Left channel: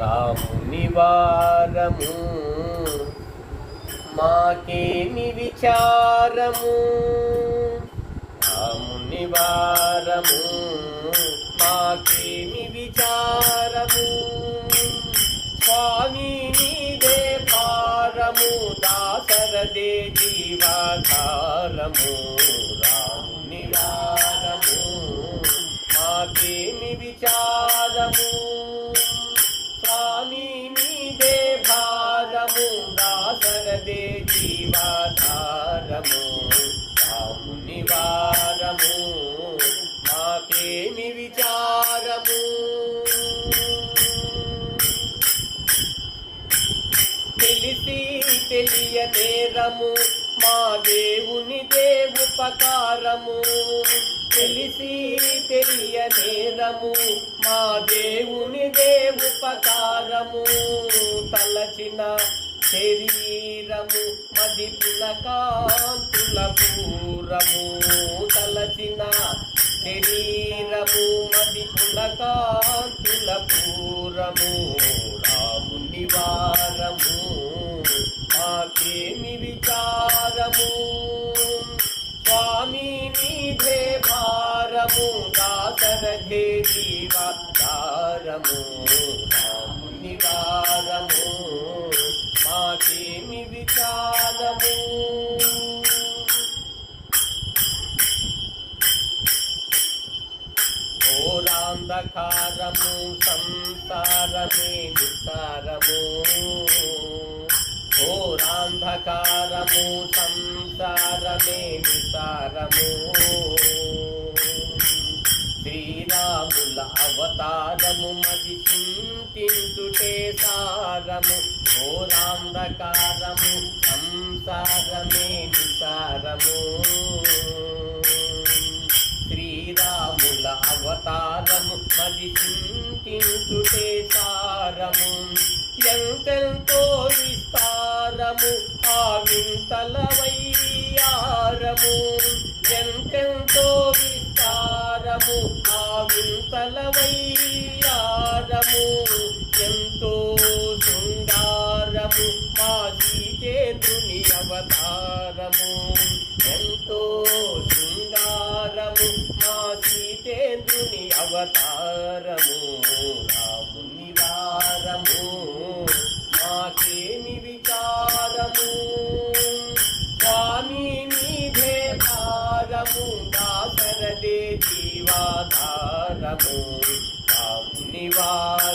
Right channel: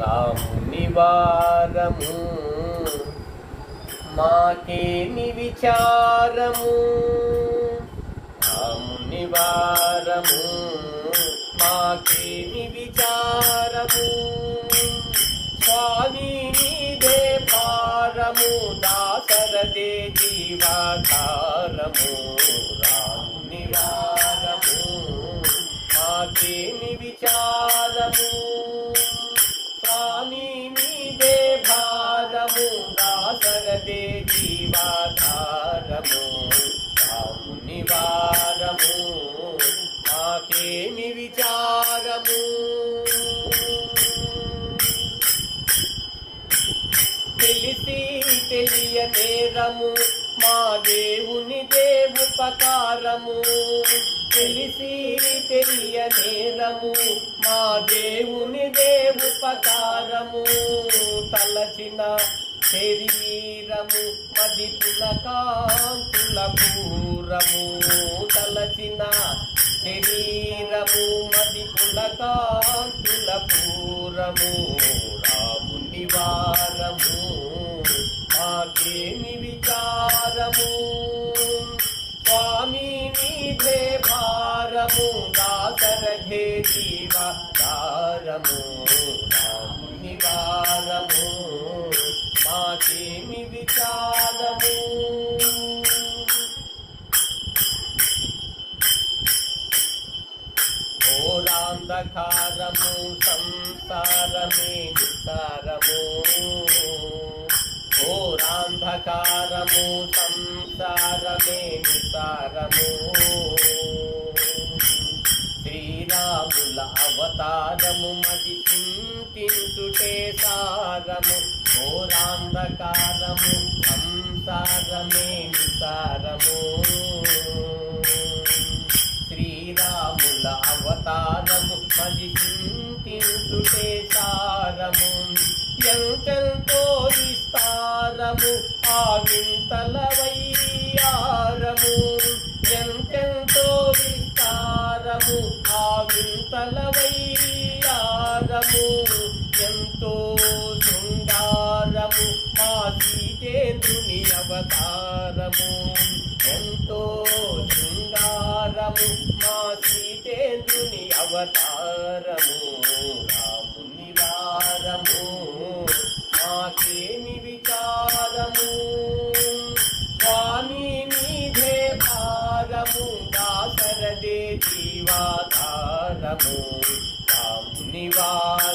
రాముని వారము మాకేమి విచారము, రాముని వారము మాకేమి విచారము, స్వామి నీదే భారము దాసరదే జీవాధారము, రాముని వారము మాకేమి విచారము, స్వామి నీదే భారము దాసరదే జీవాధారము, రాముని వారము మాకేమి విచారము. తెలిసి తెలియనేరము మా దేవుని ఉపకారము, తెలిసి తెలియనేరము మా దేవుని ఉపకారము, తలచిన శరీరము మది పులకాంతుల పూరము, తలచిన శరీరము మది పులకాంతుల పూరము, రాముని వారము మాకేమి విచారము, స్వామి నీదే భారము దాసరథే జీవాధారము, రాముని వారము మాకేమి విచారము. ఘోరాంధకారము సంసారమే విస్తారము, ఘోరాంధకారము సంసారమే విస్తారము, శ్రీరాముల అవతారము మది చింతించుటే సారము, ఘోరాంధకారము సంసారమే విస్తారము, శ్రీరాముల అవతారము మది చింతించుటే సారము, ఎంతెంతో విస్తారము ఆ వింతల వయ్యారము, ఎంతెంతో విస్తారము ఆ వింతల వయ్యారము, ఎంతో శృంగారము మా సీతేంద్రుని అవతారము, ఎంతో శృంగారము మా సీతేంద్రుని అవతారము, రాముని వారము మాకేమి విచారము, స్వామి నీదే భారము దాసరదే జీవాధారము, రాముని వారము